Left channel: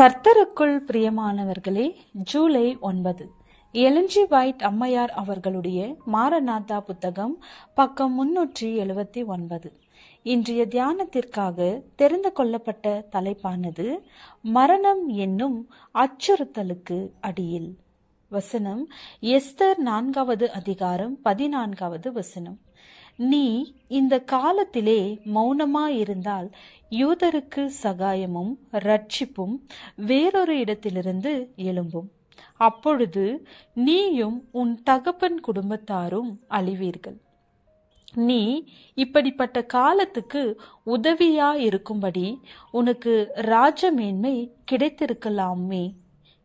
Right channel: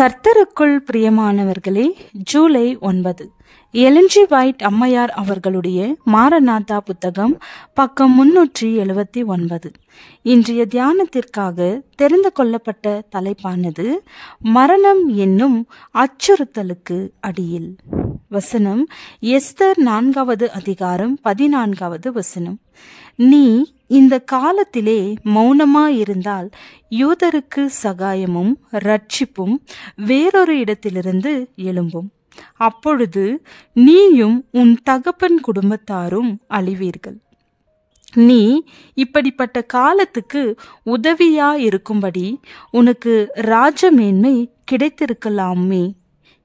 கர்த்தருக்குள் பிரியமானவர்களே, July 9 Elon G white அம்மையார் அவர்களுடைய மாரநாதா புத்தகம், பக்கம் 379. இன்றைய தியானத்திற்காக தெரிந்து கொள்ளப்பட்ட தலைப்பானது மரணம் என்னும் அச்சுறுத்தலுக்கு அடியில். வசனம் எஸ்தர் 4வது அதிகாரம் 14வது வசனம். நீ இந்த காலத்திலே மௌனமாயிருந்தால் யூதருக்கு சகாயமும் இரட்சிப்பும் வேறொரு இடத்திலிருந்து எழும்பும். அப்பொழுது நீயும் உன் தகப்பன் குடும்பத்தாரும் அழிவீர்கள். நீ இப்படிப்பட்ட காலத்துக்கு உதவியா இருக்கும்படி உனக்கு ராஜமேன்மை கிடைத்திருக்கலாமே,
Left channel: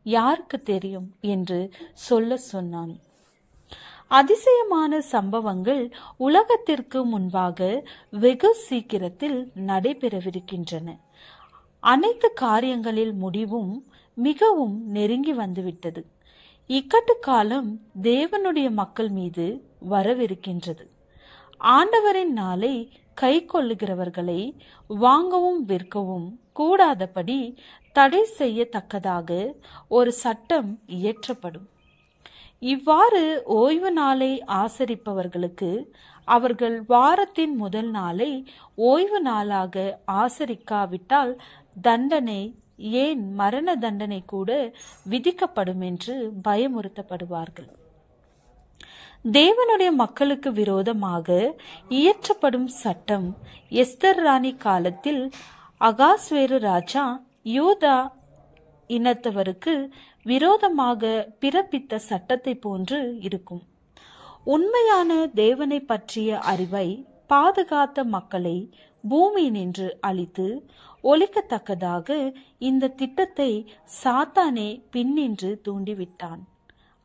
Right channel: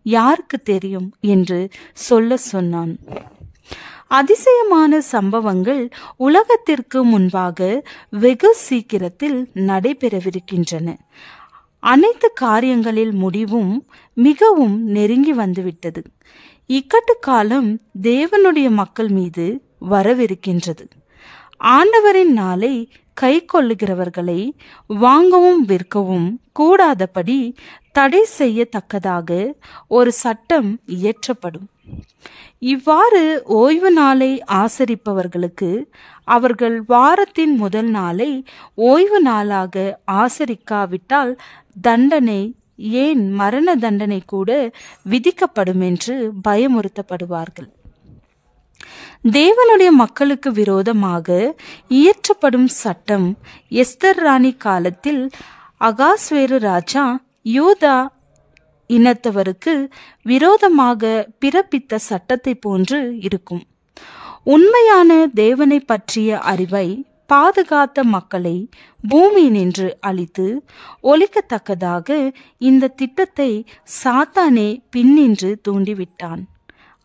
யாருக்கு தெரியும் என்று சொல்ல சொன்னான். அதிசயமான சம்பவங்கள் உலகத்திற்கு முன்பாக வெகு சீக்கிரத்தில் நடைபெறவிருக்கின்றன. அனைத்து காரியங்களில் முடிவும் மிகவும் நெருங்கி வந்துவிட்டது. இக்கட்டு காலம் தேவனுடைய மக்கள் மீது வரவிருக்கின்றது. ஆண்டவரின் நாளை கை கொள்ளுகிறவர்களை வாங்கவும் விற்கவும் கூடாதபடி தடை செய்யத்தக்கதாக ஒரு சட்டம் இயற்றப்படும். இவ்வாறு ஓய்வு நாளை ஆசரிப்பவர்களுக்கு அவர்கள் வாரத்தின் முதல் நாளை ஓய்வு நாளாக ஆசரிக்காவிட்டால் தண்டனை, ஏன் மரண தண்டனை கூட விதிக்கப்படும் என்று பயமுறுத்தப்படுவார்கள். தேவனுடைய மக்களுக்கு விரோதமாக இயற்றப்படும் சட்டம் எஸ்தர் ராணி காலத்தில் அகாஸ்வேரு ராஜா யூதா இனத்தவருக்கு விரோதமாக பிறப்பித்த சட்டத்தை போன்று இருக்கும். உண்மையான தேவனை பற்றிய அறிவை பாதுகாத்த மக்களை பூமியினின்று அழித்து ஒழிக்கத்தக்கதாக இந்த திட்டத்தை சாத்தானே பின்னின்று தூண்டிவிட்டான்.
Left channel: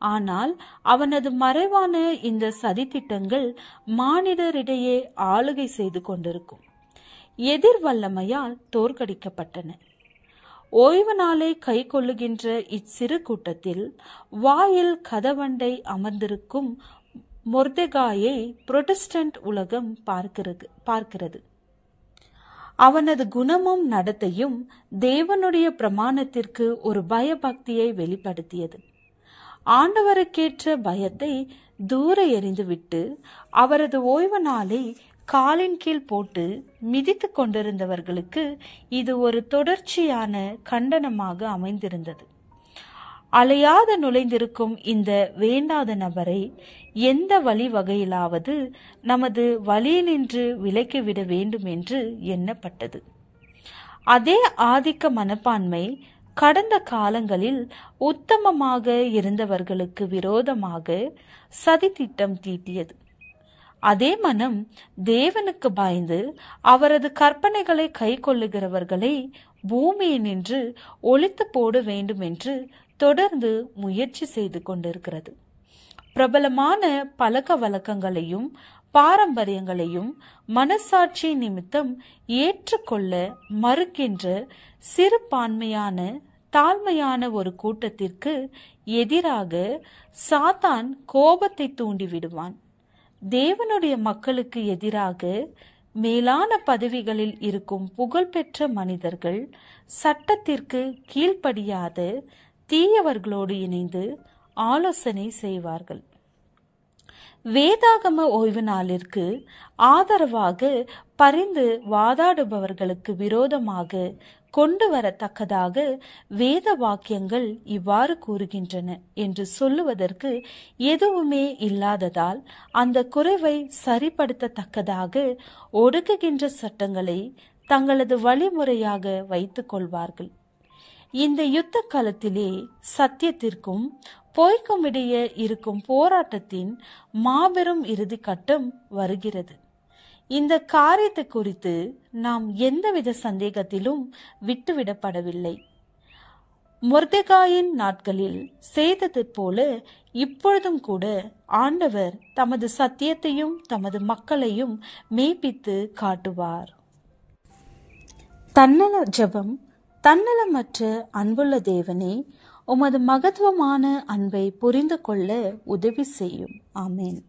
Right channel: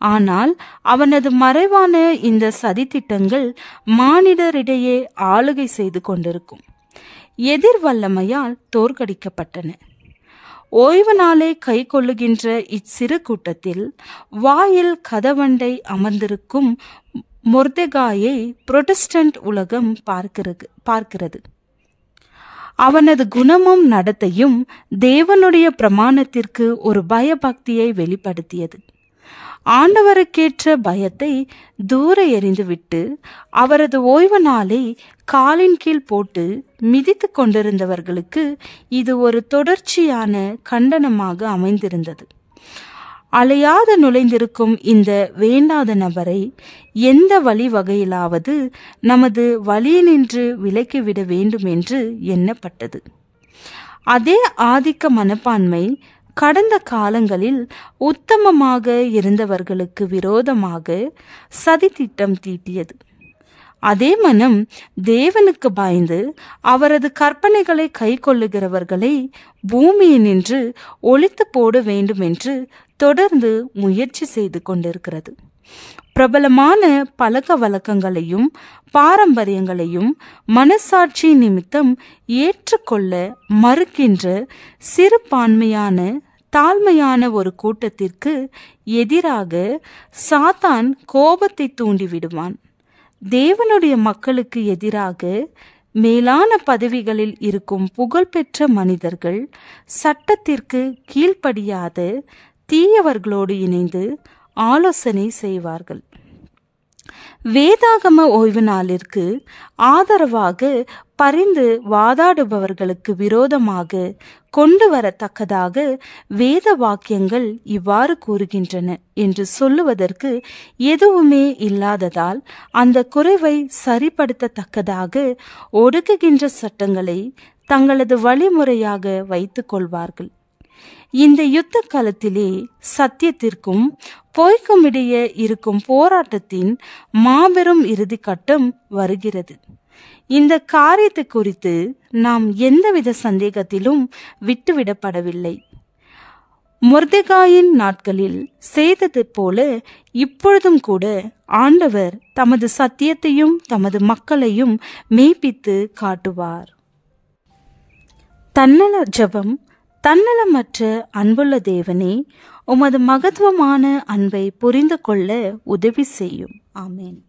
ஆனால் அவனது மறைவான இந்த சதித்திட்டங்கள் மானிடரிடையே ஆளுகை செய்து கொண்டிருக்கும் எதிர் வல்லமையால் தோற்கடிக்கப்பட்டன. ஓய்வு நாளை கை கொள்ளுகின்ற இச்சிறு கூட்டத்தில் வாயில் கதவண்டை அமர்ந்திருக்கும் மொர்தெகாயை புரொட்டஸ்டன்ட் உலகம் பார்க்கிறது. அவனது குணமும் நடத்தையும் தேவனுடைய பிரமாணத்திற்கு ஒரு பயபக்தியை வெளிப்படுத்தியது. ஆண்டவருக்கேற்ற பயத்தை தூர எறிந்துவிட்டு அவரது ஓய்வு நாளை காலின் கீழ் போட்டு மிதித்து கொண்டிருந்தவர்களுக்கு இது ஒரு தொடர்ச்சியான கண்டனமாக அமைந்திருந்தது. அலையாது நுழைந்திருக்கும் இந்த வேண்டாத நபரை எந்த வழிவகையிலாவது நமது வழியினின்று விலக்கிவிட வேண்டும் என்று எண்ணப்பட்டது. அதே ஆதிக்க மனப்பான்மை கடந்த காலங்களில் உத்தமமாக இருந்தவர்களுக்கு விரோதமாக சதித்திட்டம் தீட்டியது. அதே மனம் தேவனுக்கு பயந்து அவரது கற்பனைகளை கை கொள்ளுகிறவர்களை பூமியினின்று ஒழித்து போட வேண்டும் என்று தொடர்ந்து முயற்சி செய்து கொண்டிருக்கிறது. பிரபலமான பழக்க வழக்கங்களையும் பாரம்பரியங்களையும் மனசாட்சி நிமித்தம் ஏற்றுக்கொள்ள மறுக்கின்ற சிறுபான்மையான தாழ்மையான ஒரு கூட்டத்திற்கு எதிராக சாத்தான் கோபத்தை தூண்டிவிடுவான். தேவனுடைய மக்களுக்கு எதிராக மேலான பதவிகளில் இருக்கும் புகழ்பெற்ற மனிதர்கள் சட்டத்திற்கு கீழ்ப்படியாத தீயவர்களோடு இணைந்து ஆலோசனை செய்வார்கள். வேதாகம ஓய்வு நாளிற்கு ஆதரவாக பரிந்து வாதாடுபவர்களுக்கு விரோதமாக கொண்டு வரத்தக்கதாக வேத வாக்கியங்கள் இவ்வாறு கூறுகின்றன என்று சொல்லுவதற்கு எதுவுமே இல்லாததால் அந்த குறைவை சரிப்படுத்தத்தக்கதாக ஒடுக்குகின்ற சட்டங்களை தங்களது வழிமுறையாக வைத்துக் கொள்வார்கள். இந்த யுத்த காலத்திலே சத்தியத்திற்கும் பொய்க்கும் இடையே இருக்கும் போராட்டத்தின் மாபெரும் இறுதி கட்டம் வருகிறது. இந்த காரியத்தை குறித்து நாம் எந்தவித சந்தேகத்திலும் விட்டுவிடப்படவில்லை. மொர்தெகாயின் நாட்களில் செய்தது போல இப்பொழுதும் கூட ஆண்டவர் தமது சத்தியத்தையும் தமது மக்களையும் மெய்ப்பித்து காட்டுவார். தன்னல ஜெபம். தன்னலமற்ற அன்புள்ள தேவனே, உமது மகத்துவமான அன்பை புரிந்து கொள்ள உதவி செய்யும். ஆமேன்.